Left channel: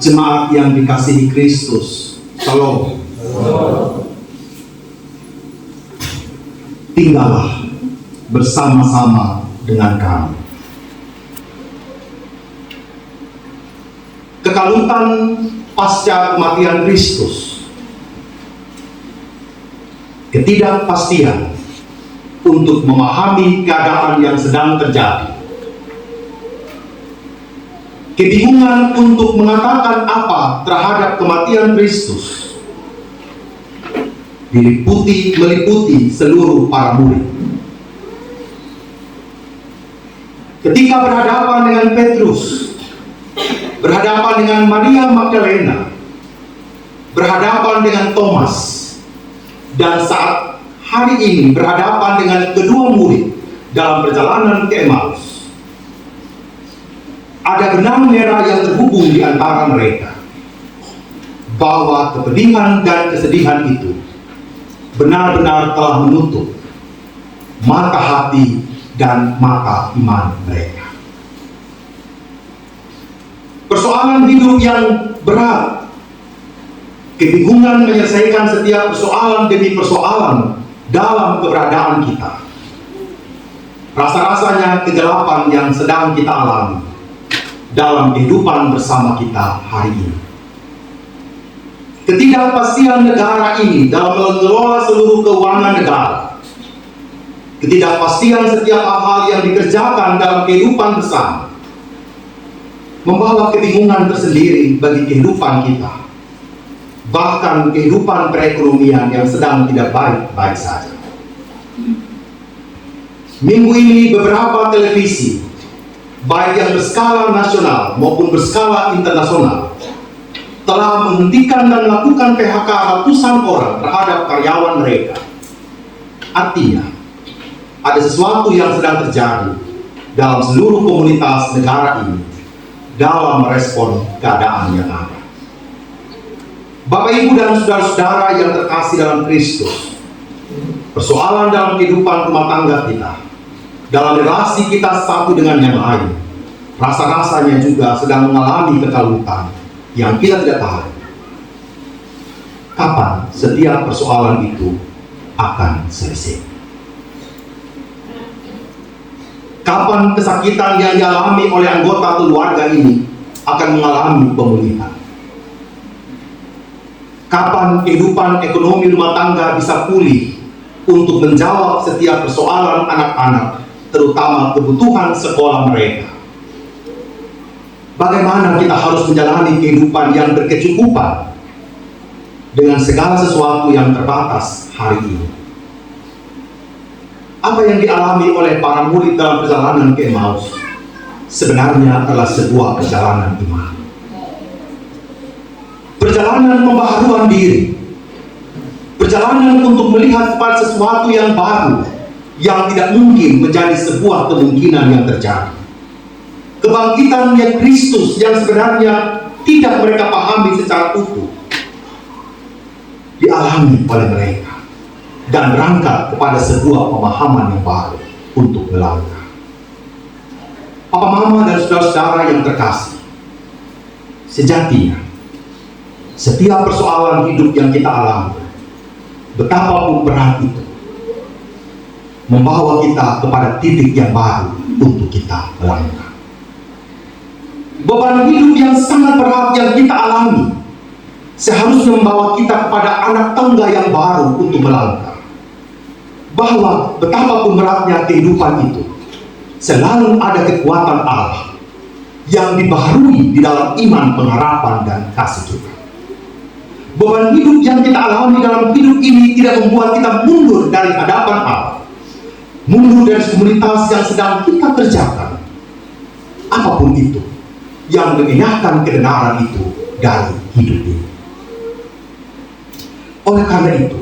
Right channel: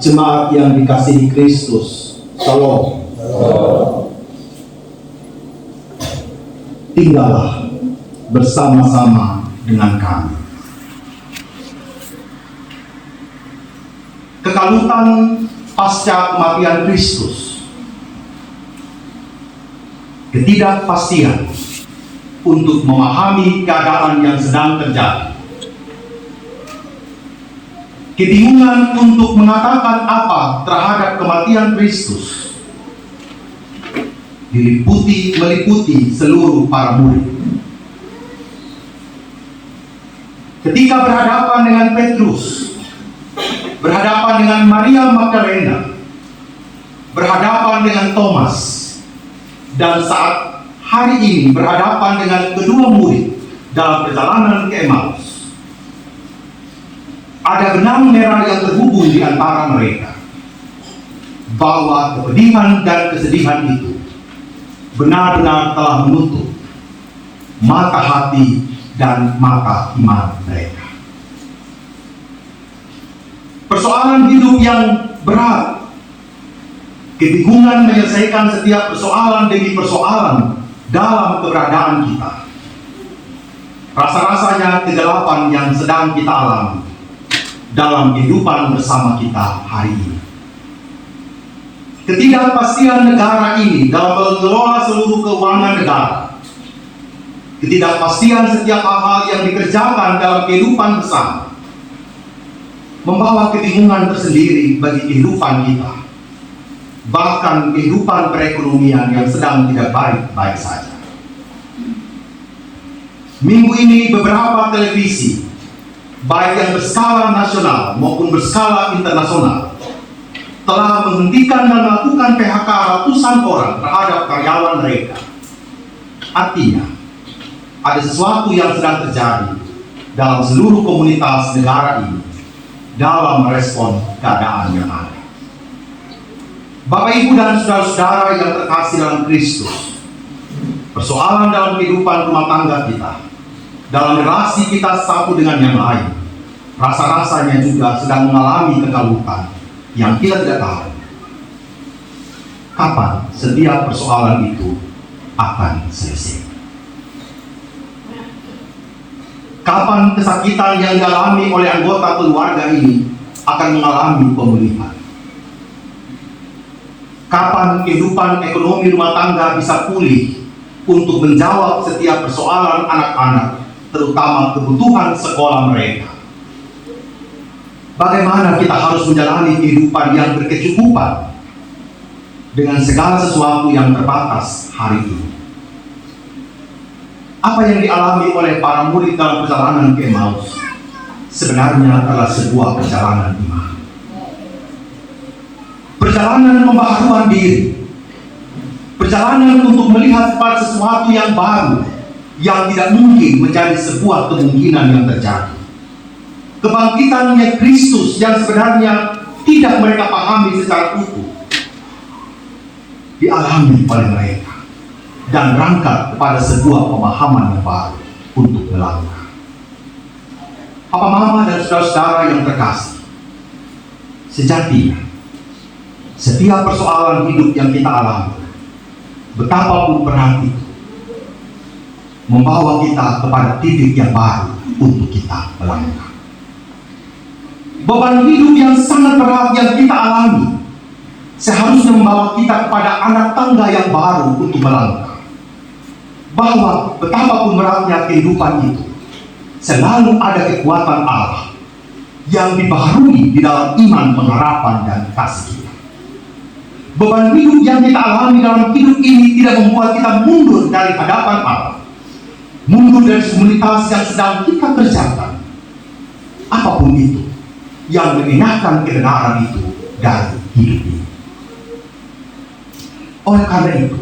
Jemaat yang dikasihi Kristus, Shalom. Tinggallah bersama-sama dengan kami. Kekalutan pasca kematian Kristus, ketidakpastian untuk memahami keadaan yang sedang terjadi, kebingungan untuk mengatakan apa terhadap kematian Kristus, meliputi seluruh para murid. Ketika berhadapan dengan Petrus, berhadapan dengan Maria Magdalena, berhadapan dengan Thomas, dan saat hari ini berhadapan dengan kedua murid dalam perjalanan ke Emmaus, ada benang merah yang terhubung di antara mereka, bahwa kepedihan dan kesedihan itu benar-benar telah menutup mata hati dan mata iman mereka. Persoalan hidup yang berat, kebingungan menyelesaikan setiap persoalan demi persoalan dalam keberadaan kita, rasa-rasanya kegelapan yang sedang kita alami dalam kehidupan bersama kita hari ini. Ketidakpastian negara ini dalam mengelola seluruh keuangan negara, ketidakpastian setiap hal yang dikerjakan dalam kehidupan bersama, membawa kebingungan tersendiri bagi kehidupan kita, bahkan kehidupan perekonomian yang sedang tidak baik-baik saja. Minggu ini beberapa televisi, baik yang berskala nasional maupun berskala internasional, telah menghentikan dan melakukan PHK ratusan orang terhadap karyawan mereka. Artinya, ada sesuatu yang sedang terjadi dalam seluruh komunitas negara ini dalam merespon keadaan yang ada. Bapak, Ibu, dan saudara-saudara yang terkasih dalam Kristus, persoalan dalam kehidupan rumah tangga kita, dalam relasi kita satu dengan yang lain, rasa-rasanya juga sedang mengalami kekalutan yang kita tidak tahu kapan setiap persoalan itu akan selesai. Kapan kesakitan yang dialami oleh anggota keluarga ini akan mengalami pemulihan. Kapan kehidupan ekonomi rumah tangga bisa pulih untuk menjawab setiap persoalan anak-anak, terutama kebutuhan sekolah mereka. Bagaimana kita harus menjalani kehidupan yang berkecukupan dengan segala sesuatu yang terbatas hari ini. Apa yang dialami oleh para murid dalam perjalanan ke Emmaus sebenarnya adalah sebuah perjalanan iman. Perjalanan pembaharuan diri, perjalanan untuk melihat pada sesuatu yang baru yang tidak mungkin menjadi sebuah kemungkinan yang terjadi. Kebangkitannya Kristus yang sebenarnya tidak mereka pahami secara utuh dialami oleh mereka dan berangkat kepada sebuah pemahaman yang baru untuk melangkah. Papa, Mama, dan saudara-saudara yang terkasih, sejatinya setiap persoalan hidup yang kita alami, betapapun berat itu, membawa kita kepada titik yang baru untuk kita melangkah. Beban hidup yang sangat berat yang kita alami seharusnya membawa kita kepada anak tangga yang baru untuk melangkah. Bahwa betapapun beratnya kehidupan itu, selalu ada kekuatan Allah yang dibaharui di dalam iman, pengharapan, dan kasih kita. Beban hidup yang kita alami dalam hidup ini tidak membuat kita mundur dari hadapan Allah, mundur dari komunitas yang sedang kita kerjakan, apapun itu yang memindahkan kebenaran itu dari hidup ini. Oleh karena itu,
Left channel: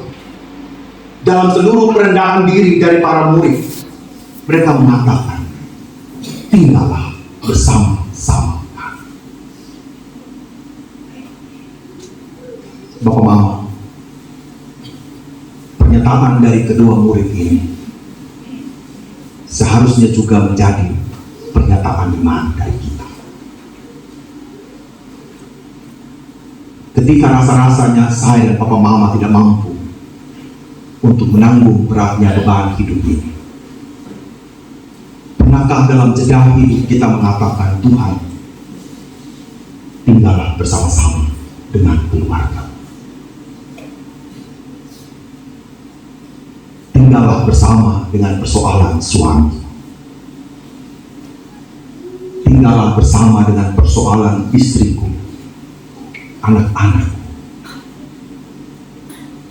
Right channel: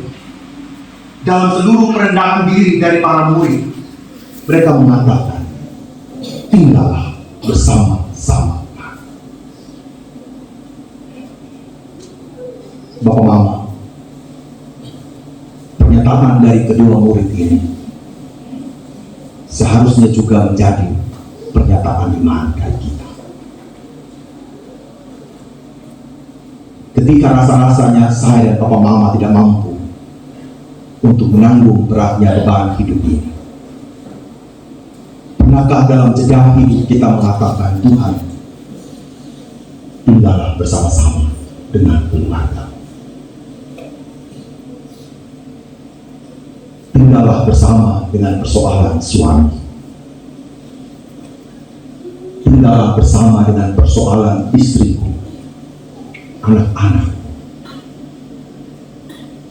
dalam seluruh perendahan diri dari para murid, mereka mengatakan, tinggallah bersama-sama. Bapak, Mama, pernyataan dari kedua murid ini seharusnya juga menjadi pernyataan iman dari kita. Ketika rasa-rasanya saya dan papa mama tidak mampu untuk menanggung beratnya beban hidup ini. Pernahkah dalam jeda hidup kita mengatakan, Tuhan, tinggallah bersama-sama dengan keluarga. Tinggallah bersama dengan persoalan suami. Tinggallah bersama dengan persoalan istriku, anak-anak.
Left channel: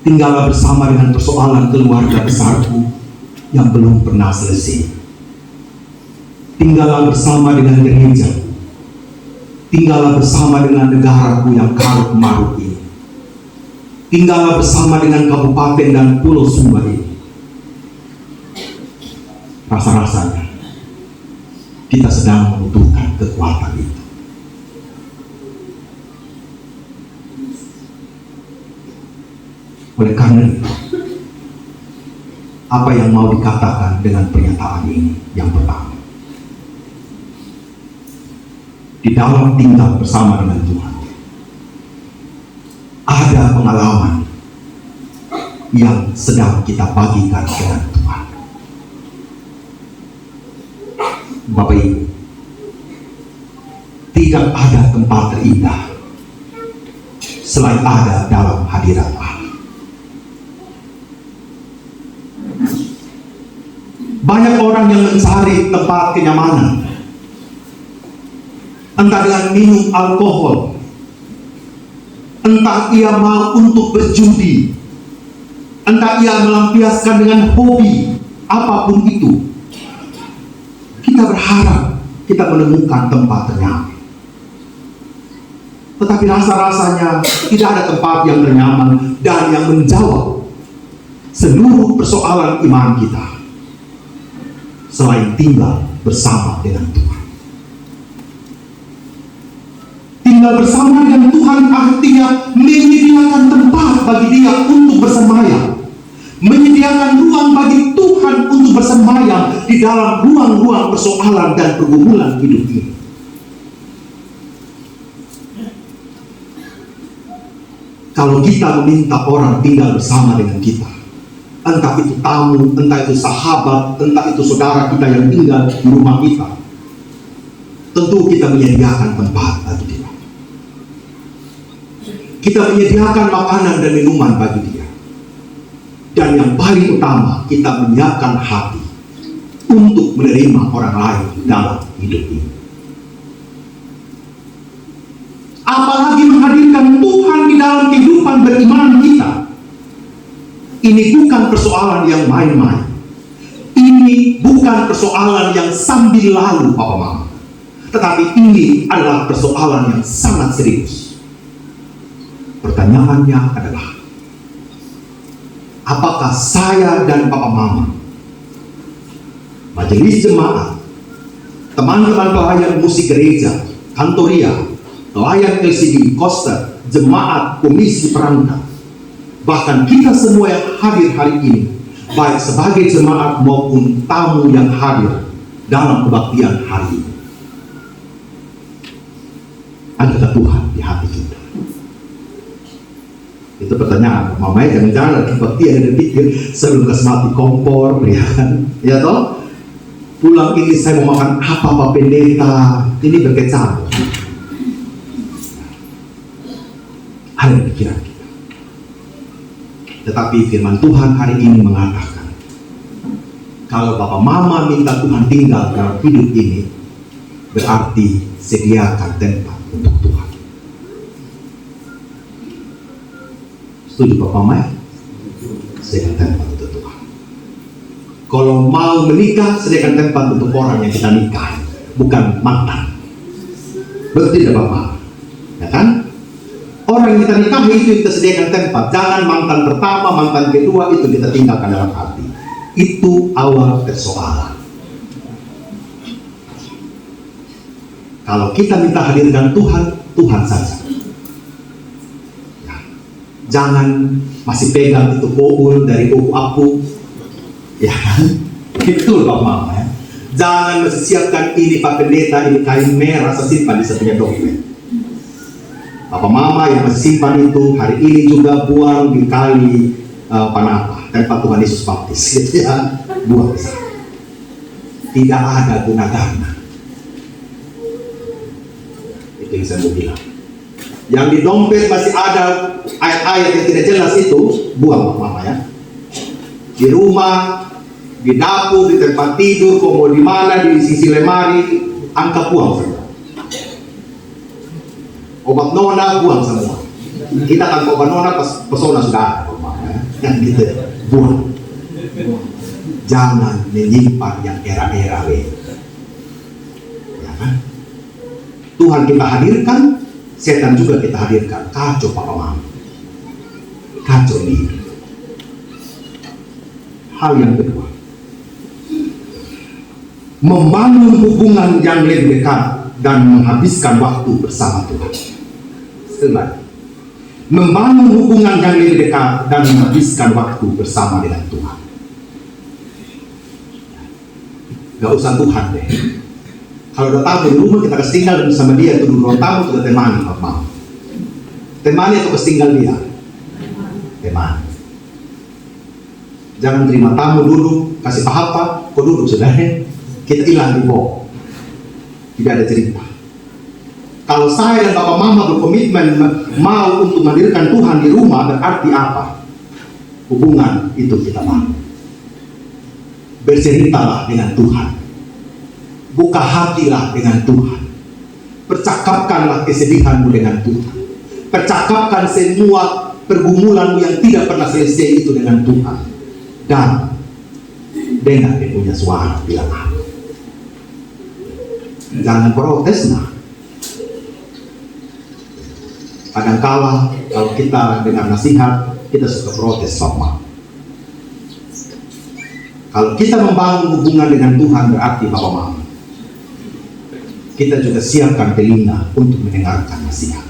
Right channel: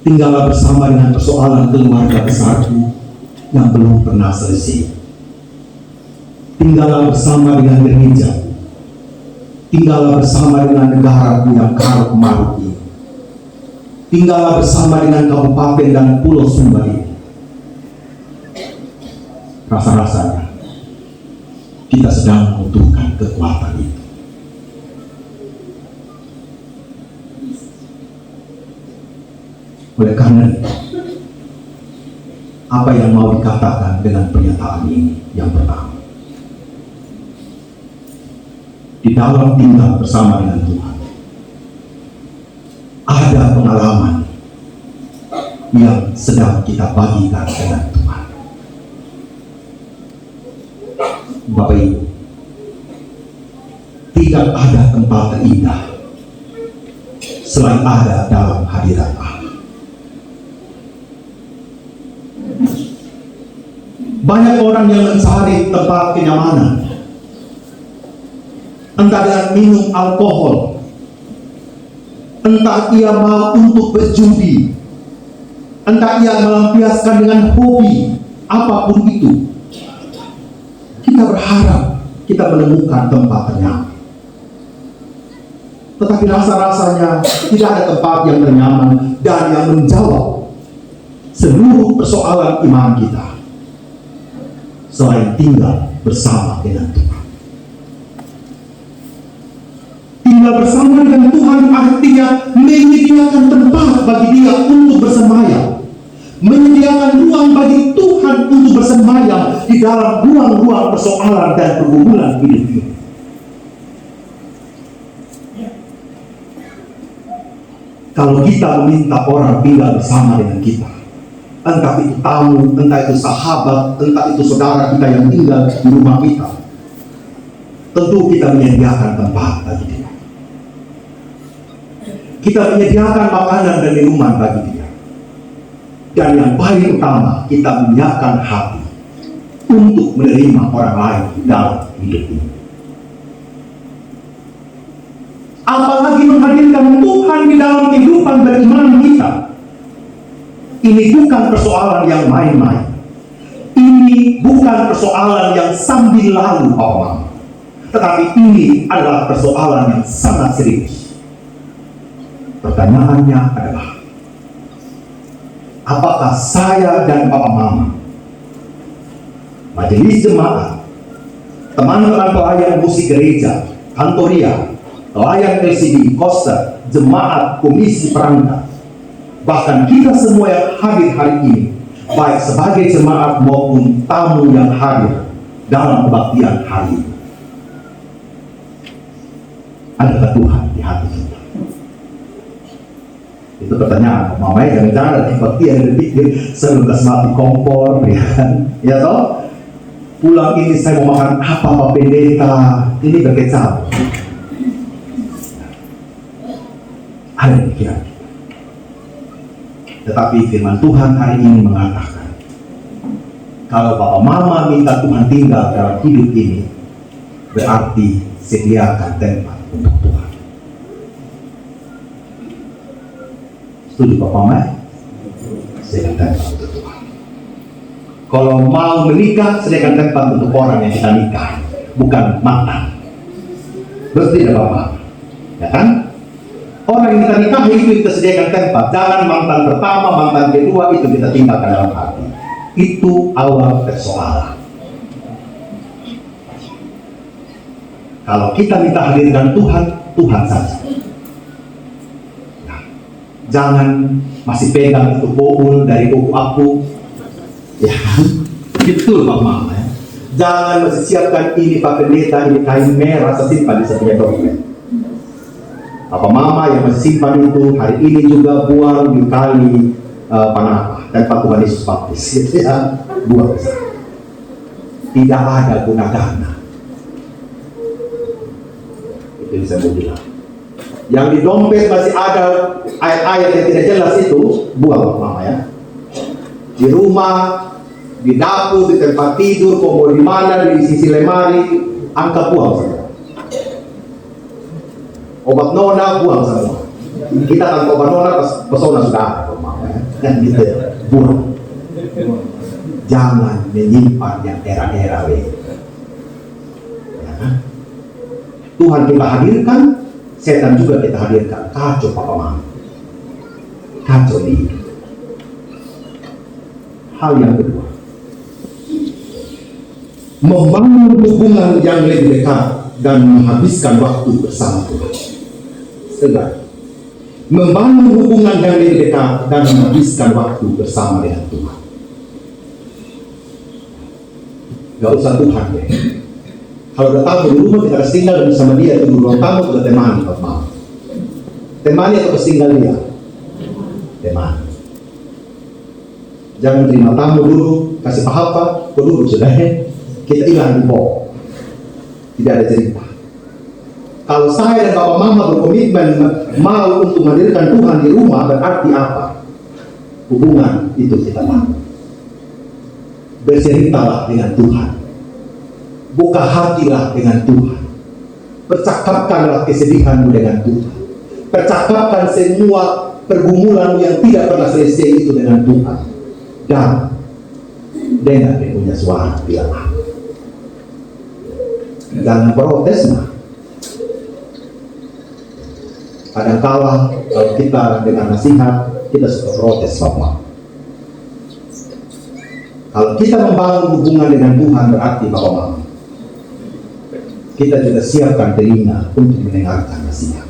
Tinggallah bersama dengan persoalan keluarga besarku yang belum pernah selesai. Tinggallah bersama dengan gereja. Tinggallah bersama dengan negaraku yang karut marut ini. Tinggallah bersama dengan kabupaten dan pulau Sumba ini. Rasa-rasanya kita sedang membutuhkan kekuatan itu. Oleh karena itu, apa yang mau dikatakan dengan pernyataan ini? Yang pertama, di dalam tinggal bersama dengan Tuhan, ada pengalaman yang sedang kita bagikan dengan Tuhan. Bapak Ibu, tidak ada tempat terindah selain ada dalam hadirat Allah. Banyak orang yang mencari tempat kenyamanan, entah dengan minum alkohol, entah ia mau untuk berjudi, entah ia melampiaskan dengan hobi, apapun itu. Kita berharap kita menemukan tempat ternyaman. Tetapi rasa-rasanya tidak ada tempat yang ternyaman dan yang menjawab seluruh persoalan iman kita selain tinggal bersama dengan Tuhan. Tinggal bersama dengan Tuhan artinya menyediakan tempat bagi dia untuk bersemayam, menyediakan ruang bagi Tuhan untuk bersemayam di dalam ruang-ruang persoalan dan pergumulan hidup ini. Kalau kita meminta orang tinggal bersama dengan kita, entah itu tamu, entah itu sahabat, entah itu saudara kita yang tinggal di rumah kita, tentu kita menyediakan tempat bagi dia. Kita menyediakan makanan dan minuman bagi dia. Dan yang paling utama, kita menyediakan hati untuk menerima orang lain dalam hidup ini. Apalagi menghadirkan Tuhan di dalam kehidupan beriman kita. Ini bukan persoalan yang main-main. Ini bukan persoalan yang sambil lalu, Pak Mama. Tetapi ini adalah persoalan yang sangat serius. Pertanyaannya adalah, apakah saya dan Papa Mama, majelis jemaat, teman-teman pelayan musik gereja, kantoria, pelayan LCD Koster, jemaat, komisi perangkat, bahkan kita semua yang hadir hari ini, baik sebagai jemaat maupun tamu yang hadir dalam kebaktian hari ini, adakah Tuhan di hati kita? Itu pertanyaan. Mamanya jangan-jangan ada kebaktian yang bikin sebelum kasih mati kompor, ya kan? Ya toh? Pulang ini saya mau makan apa Pak Pendeta? Ini berkecap. Ada pikiran kita. Tetapi firman Tuhan hari ini mengatakan, kalau Bapak Mama minta Tuhan tinggal dalam hidup ini, berarti sediakan tempat untuk Tuhan. Setuju Bapak Mama? Sediakan tempat untuk Tuhan. Kalau mau menikah, sediakan tempat untuk orang yang kita nikah, bukan mantan. Betul tidak Bapak? Ya kan? Orang yang kita nikahi itu kita sediakan tempat. Jangan mantan pertama, mantan kedua itu kita tinggalkan dalam hati. Itu awal persoalan. Kalau kita minta hadirkan Tuhan, Tuhan saja. Nah, jangan masih pegang itu bohol dari buku aku, ya kan? Itu Pak Mama ya. Jangan masih siapkan ini Pak Pendeta, ini kain merah, saya simpan di sebuah dokumen. Apa mama yang simpan itu hari ini juga buang di kali Panapa tempat Tuhan Yesus baptis, gitu ya, buang di sana. Tidak ada guna dana. Itu saya mau bilang. Yang di dompet masih ada ayat-ayat yang tidak jelas itu, buang mama ya. Di rumah, di dapur, di tempat tidur, mau di mana, di sisi lemari, angkat buang. Obat nona buang semua. Kita kan obat nona pesona sudah ada mama ya. Yang gitu buang. Jangan menyimpan yang era-era ya kan? Tuhan kita hadirkan, setan juga kita hadirkan. Kacau papa mama. Kacau nih. Hal yang kedua, membangun hubungan yang lebih dekat dan menghabiskan waktu bersama Tuhan. Senang. Membangun hubungan yang lebih dekat dan menghabiskan waktu bersama dengan Tuhan. Gak usah Tuhan deh. Kalau datang di rumah kita kasih tinggal bersama dia, itu ruang tamu kita temani Bapak. Temani atau kasih tinggal dia? Temani. Jangan terima tamu dulu, kasih apa, kau dulu sudah ya. Kita hilang di bawah. Tidak ada cerita. Kalau saya dan Bapak Mama berkomitmen mau untuk menghadirkan Tuhan di rumah, berarti apa? Hubungan itu kita bangun. Berceritalah dengan Tuhan. Buka hatilah dengan Tuhan. Percakapkanlah kesedihanmu dengan Tuhan. Percakapkan semua pergumulanmu yang tidak pernah selesai itu dengan Tuhan. Dan dengar dia punya suara bilang aku. Jangan protes nah. Kadangkala kalau kita dengar nasihat, kita suka protes Bapak. Kalau kita membangun hubungan dengan Tuhan berarti Bapak Mama, kita juga siapkan telinga untuk mendengarkan nasihat.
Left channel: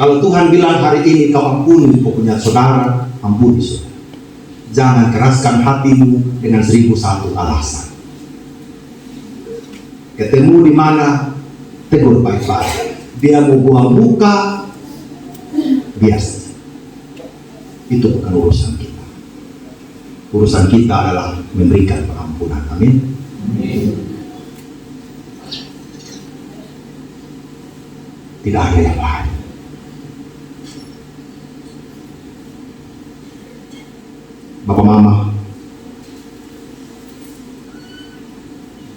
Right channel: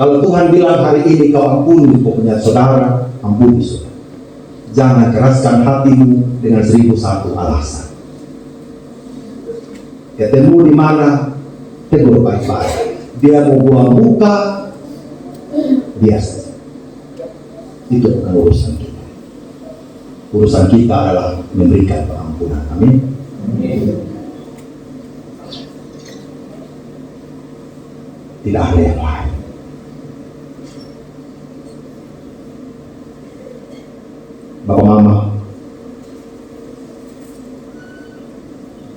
Kalau Tuhan bilang hari ini kau ampuni punya saudara, ampuni saudara. Jangan keraskan hatimu dengan 1001 alasan. Ketemu di mana, tegur baik-baik. Dia mau buang muka, biasa. Itu bukan urusan kita. Urusan kita adalah memberikan pengampunan. Amin. Tidak ada yang lain. Bapak Mama,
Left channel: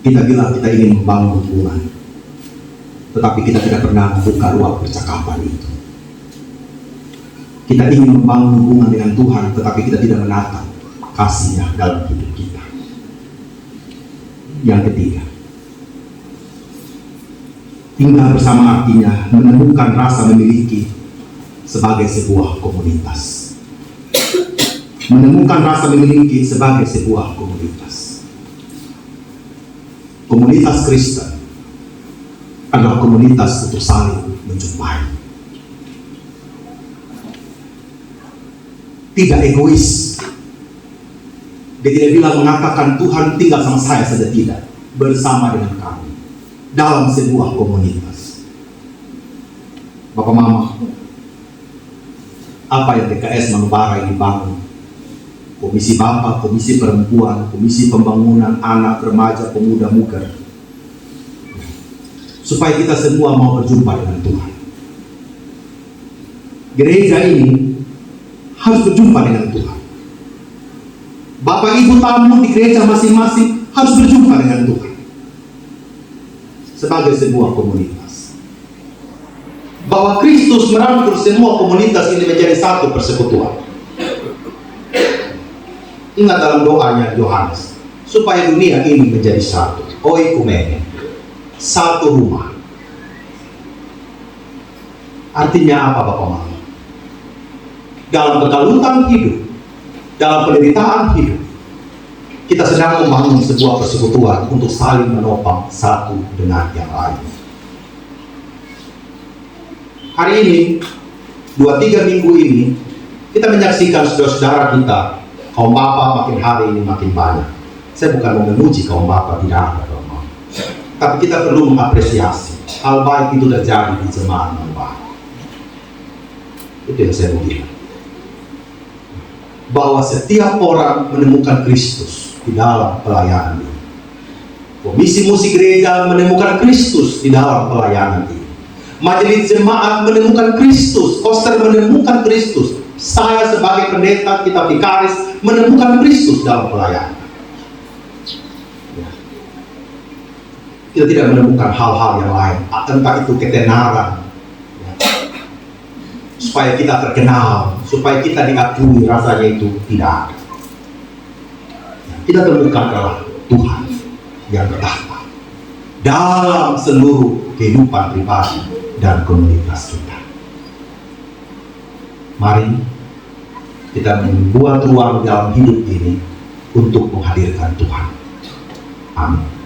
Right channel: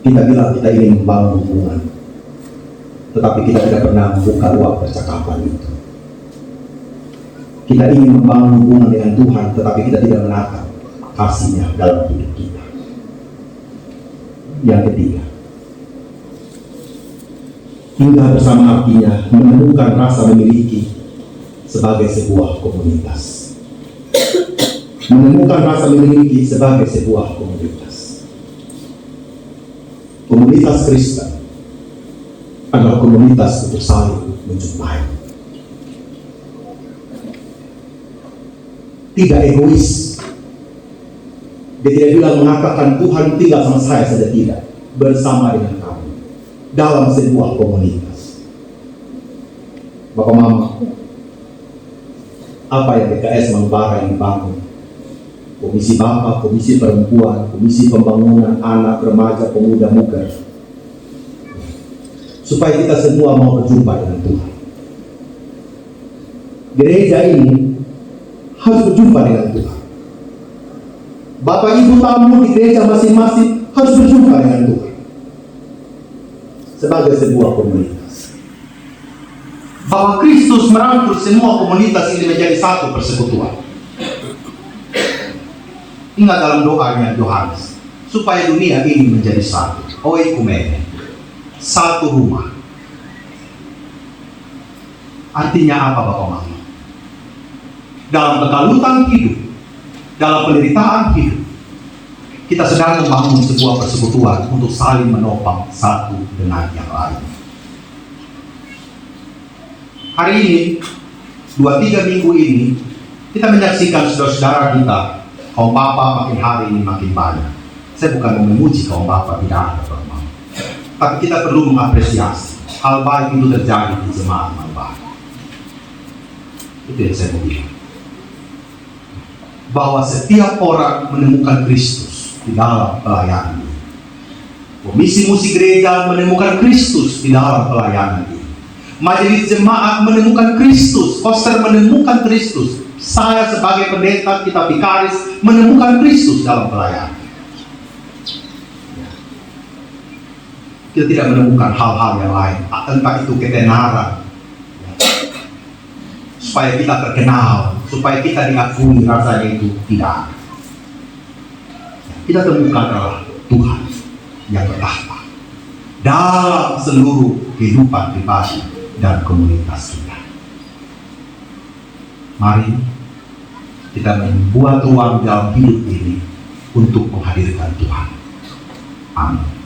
kita bilang kita ingin membangun hubungan, tetapi kita tidak pernah membuka ruang percakapan itu. Kita ingin membangun hubungan dengan Tuhan, tetapi kita tidak menatap kasih-Nya dalam hidup kita. Yang ketiga, tinggal bersama artinya menemukan rasa memiliki sebagai sebuah komunitas. Menemukan rasa memiliki sebagai sebuah komunitas. Komunitas Kristen adalah komunitas untuk saling menjumpai. Tidak egois. Dia tidak bilang mengatakan Tuhan tinggal sama saya saja, tidak. Bersama dengan kamu dalam sebuah komunitas. Bapak Mama, apa yang PKS Malubara ini bangun? Komisi Bapak, Komisi Perempuan, Komisi Pembangunan Anak, Remaja, Pemuda, Muda. Supaya kita semua mau berjumpa dengan Tuhan. Gereja ini harus berjumpa dengan Tuhan. Bapak Ibu tamu di gereja masing-masing harus berjumpa dengan Tuhan. Sebagai sebuah komunitas. Bahwa Kristus merangkul semua komunitas ini menjadi satu persekutuan. Ingat dalam doanya Yohanes, supaya dunia ini menjadi satu, oikumene, satu rumah. Artinya apa Bapak Mama? Dalam kegalutan hidup, dalam penderitaan hidup, kita sedang membangun sebuah persekutuan untuk saling menopang satu dengan yang lain. Hari ini, 2-3 minggu ini, kita menyaksikan saudara-saudara kita, kaum Bapak makin hari ini makin banyak. Saya bukan mau memuji kaum Bapak, tidak ada Bapak. Tapi kita perlu mengapresiasi hal baik itu terjadi di jemaat Bapak. Itu yang saya mau bilang. Bahwa setiap orang menemukan Kristus di dalam pelayanan ini. Komisi musik gereja menemukan Kristus di dalam pelayanan ini. Majelis jemaat menemukan Kristus, koster menemukan Kristus. Saya sebagai pendeta, kita vikaris menemukan Kristus dalam pelayanan. Kita tidak menemukan hal-hal yang lain, entah itu ketenaran, supaya kita terkenal, supaya kita diakui, rasanya itu tidak ada. Kita temukan adalah Tuhan yang bertahta dalam seluruh kehidupan pribadi dan komunitas kita. Mari kita membuat ruang dalam hidup ini untuk menghadirkan Tuhan. Amin.